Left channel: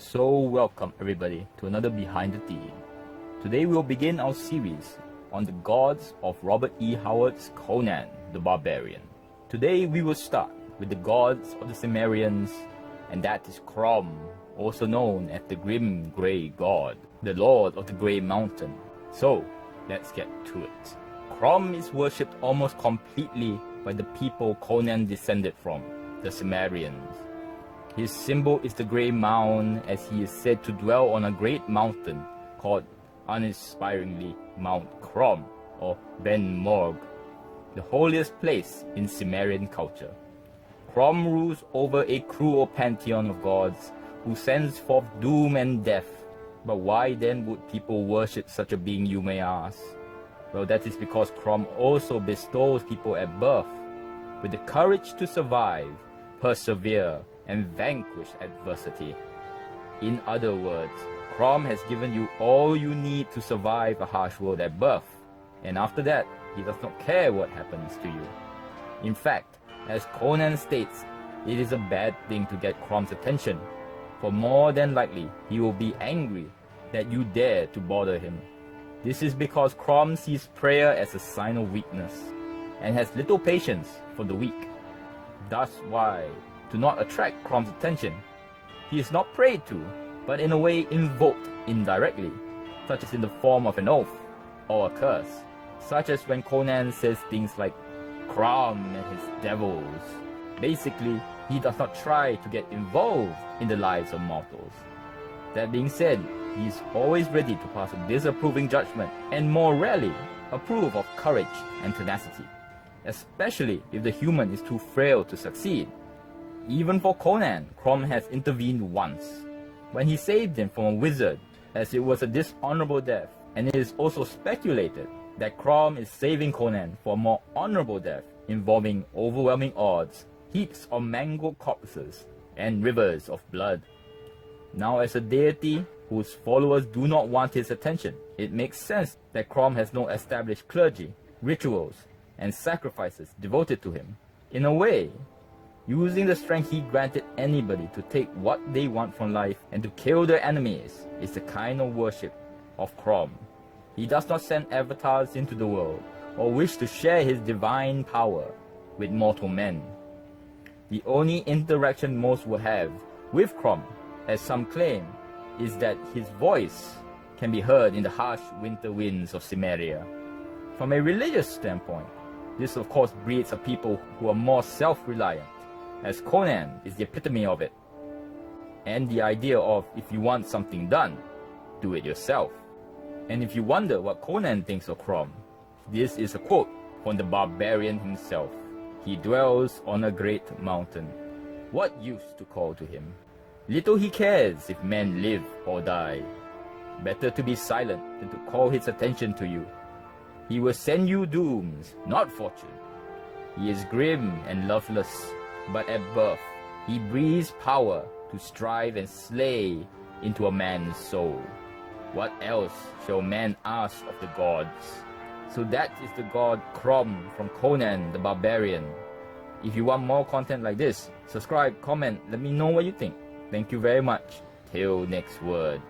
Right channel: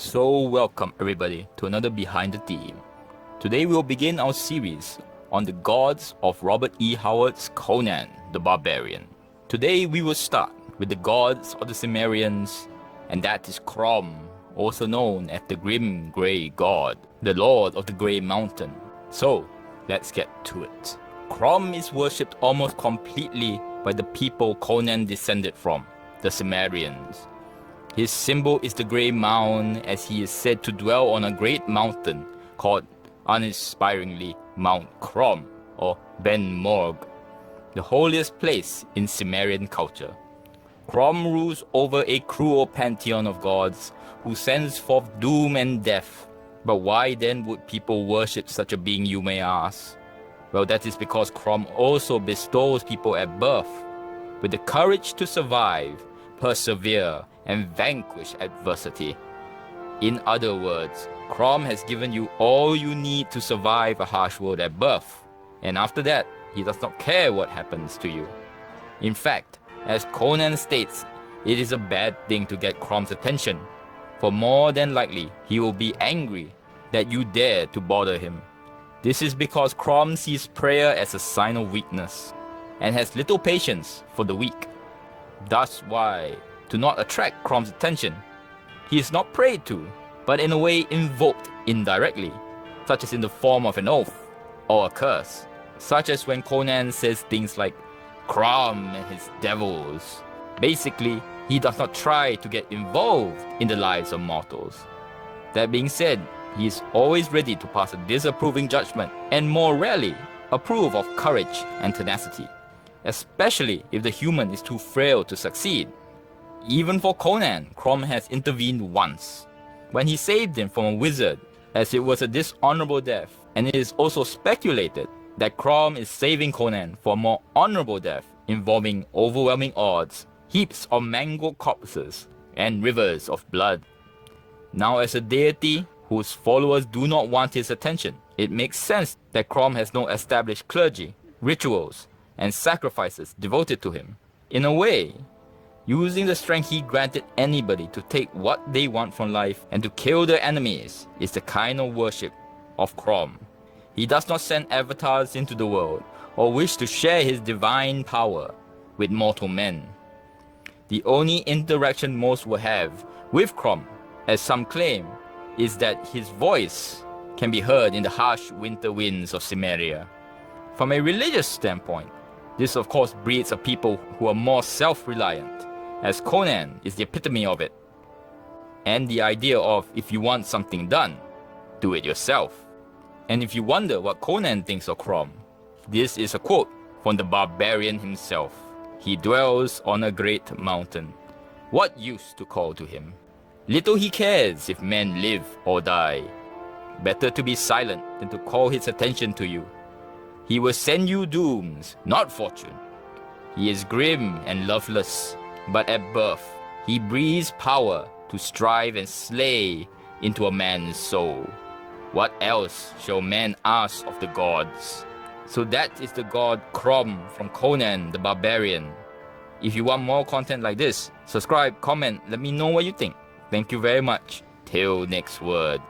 So welcome everybody to another Behind the Theme. Today we will begin our series on the gods of Robert E. Howard's Conan the Barbarian. Today we will start with the gods of the Cimmerians, and that is Crom, also known as the Grim Grey God, the Lord of the Grey Mountain. So let's get to it. Crom is worshipped almost completely by the people Conan descended from, the Cimmerians. His symbol is the Grey Mound, as he is said to dwell on a great mountain called uninspiringly Mount Crom, or Ben Morg, the holiest place in Cimmerian culture. Crom rules over a cruel pantheon of gods who sends forth doom and death. But why then would people worship such a being, you may ask? Well, that is because Crom also bestows people at birth with the courage to survive, persevere, and vanquish adversity. In other words, Crom has given you all you need to survive a harsh world at birth, and after that, he does not care what happens to you. In fact, as Conan states, it is a bad thing to get Crom's attention, for more than likely he will be angry that you dare to bother him. This is because Crom sees prayer as a sign of weakness, and has little patience for the weak. Thus why, to not attract Crom's attention, he is not prayed to, but in a way invoked indirectly, such as in the form of an oath or a curse, such as when Conan says things like Crom and his devils. Basically, he does not try to get involved in the lives of mortals. That being said, he is always ready to pass a disapproving judgment, and more rarely, approve of courage and tenacity, especially if the human is too frail to succeed. Even for Conan, Crom has intervened once, when he saved him from a wizard, as it was a dishonorable death, and it is also speculated that Crom is saving Conan for a more honorable death, involving overwhelming odds, heaps of mangled corpses, and rivers of blood. Now, as a deity whose followers do not want his attention, it makes sense that Crom has no established clergy, rituals, and sacrifices devoted to him. In a way, using the strength he granted anybody to take what they want from life and to kill their enemies is the kind of worship of Crom. He does not send avatars into the world or wish to share his divine power with mortal men. The only interaction most will have with Crom, as some claim, is that his voice can be heard in the harsh winter winds of Cimmeria. From a religious standpoint, this of course breeds a people who are more self-reliant, as Conan is the epitome of it. And the idea of, if you want something done, do it yourself. And if you wonder what Conan thinks of Crom, this is a quote from the barbarian himself. He dwells on a great mountain. What use to call to him? Little he cares if men live or die. Better to be silent than to call his attention to you. He will send you dooms, not fortune. He is grim and loveless, but at birth, he breathes power to strive and slay into a man's soul. What else shall man ask of the gods? So that is the god Crom from Conan the Barbarian. If you want more content like this, subscribe, comment, let me know what you think. Thank you very much. Till next word.